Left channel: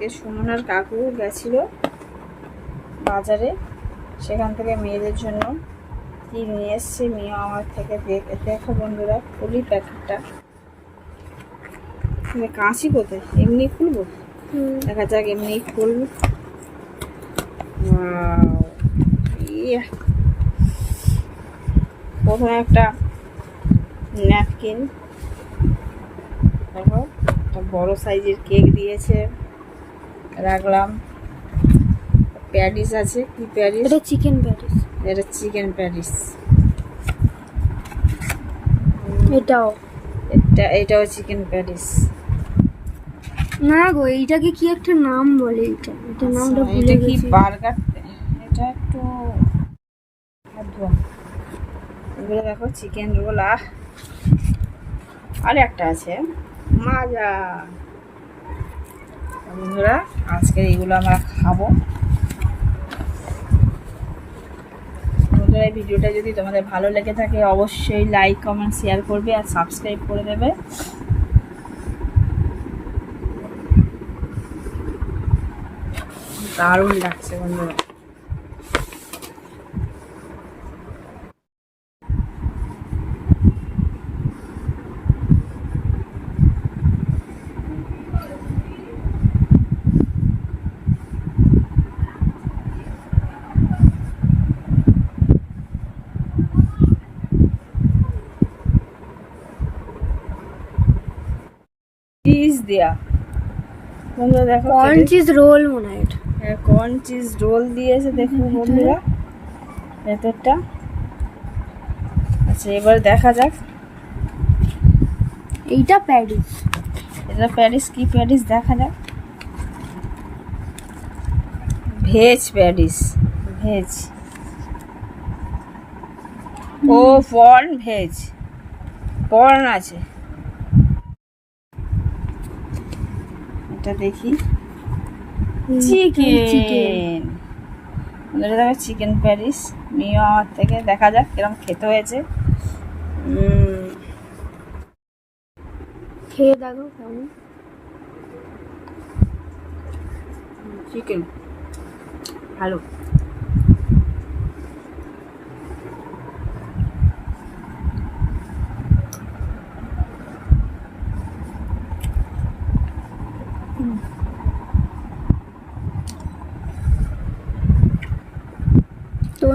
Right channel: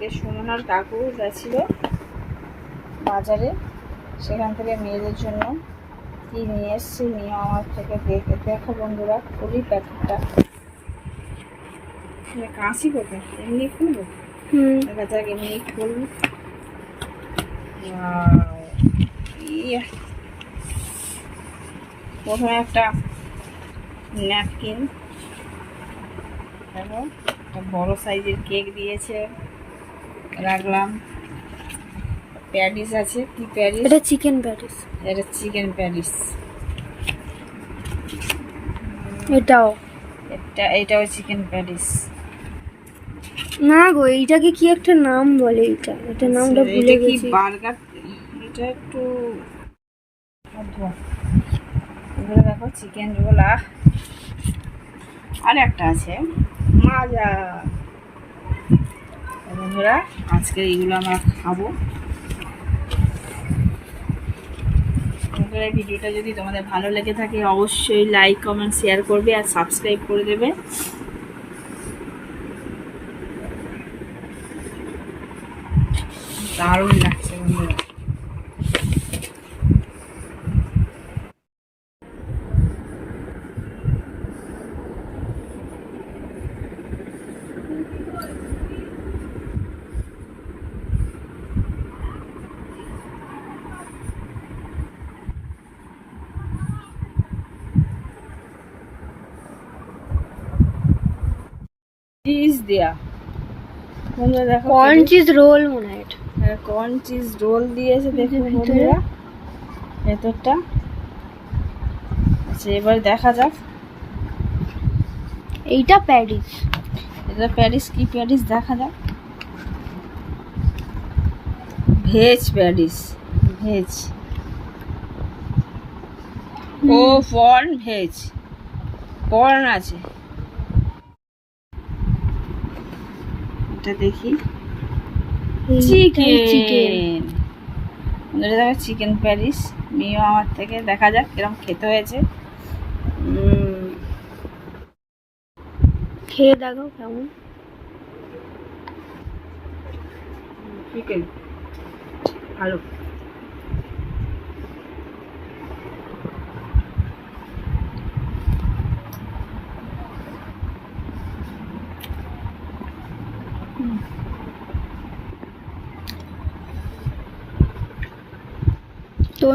আজকে সুমনার কাকু গেছিল বাজারে। সেখান থেকে মেয়েদের জন্য কি নিয়ে এসছে নিয়ে আমার থেকে দেখে দেখো বন্ধুরা খুলি প্যাকেটটা কাঁচি কোথায় এমনি খুলবো? দেখা যাক এমনি খুলবো! প্রথমে একটা ন্যাপকিন দেখো একটা বড় সাইজের কেক দিয়েছে। রাখলাম। প্যাডিস আছে কি প্যাডিস এটা চিকেন প্যাটিস এটা চিকেন প্যাডিস এটাও। এটা এটাও চিকেন প্যাডিস না গো এইটাকে কি একটা নাম বলে এটা? এটা নামটা ভুলে এটা কি গেছি। বার্গার? এটা একটু। এগুলো দেখো চিকেন রোল আর একটা আছে মাজা। বন্ধুরা আজকে এইগুলো আমরা খাব। বন্ধুরা ভিডিওটা যদি তোমাদের ভালো লেগে থাকে, অবশ্যই লাইক কমেন্ট শেয়ার করবে আর সাবস্ক্রাইব করে দেবে। দারুণ লাগছে বন্ধুরা। চিজ দেয়া। বন্ধুরা দেখো কর্ন চিজ রোল মনে হয় এটা। কর্ন চিজ রোল দিয়েছে দেখুন বন্ধুরা। ভেতরটা। আচ্ছা এবার দেখা যাক। এইটা প্যারিস। এটা প্যারিস কি প্যারিস? দেখা যাক। Veg patties veg. ও পর্ন ভেজ। পর্ন আছে। এটা দেখি। চিকেন চিকেন বন্ধুরা দেখো চিকেন প্যারিস নিয়েও আমার থেকে। দেখা যাক কিরম খেতে হয়েছে। খেয়ে দেখো কেমন। চিকেন ভালো।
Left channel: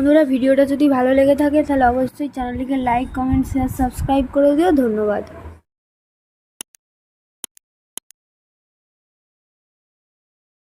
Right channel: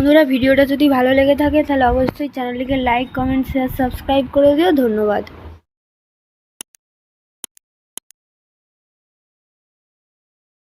বন্ধুরা, ভিডিওটা যদি ভালো লেগে থাকে, তাহলে অবশ্যই চ্যানেলটিকে লাইক কমেন্ট শেয়ার সাবস্ক্রাইব করে দিও। ধন্যবাদ।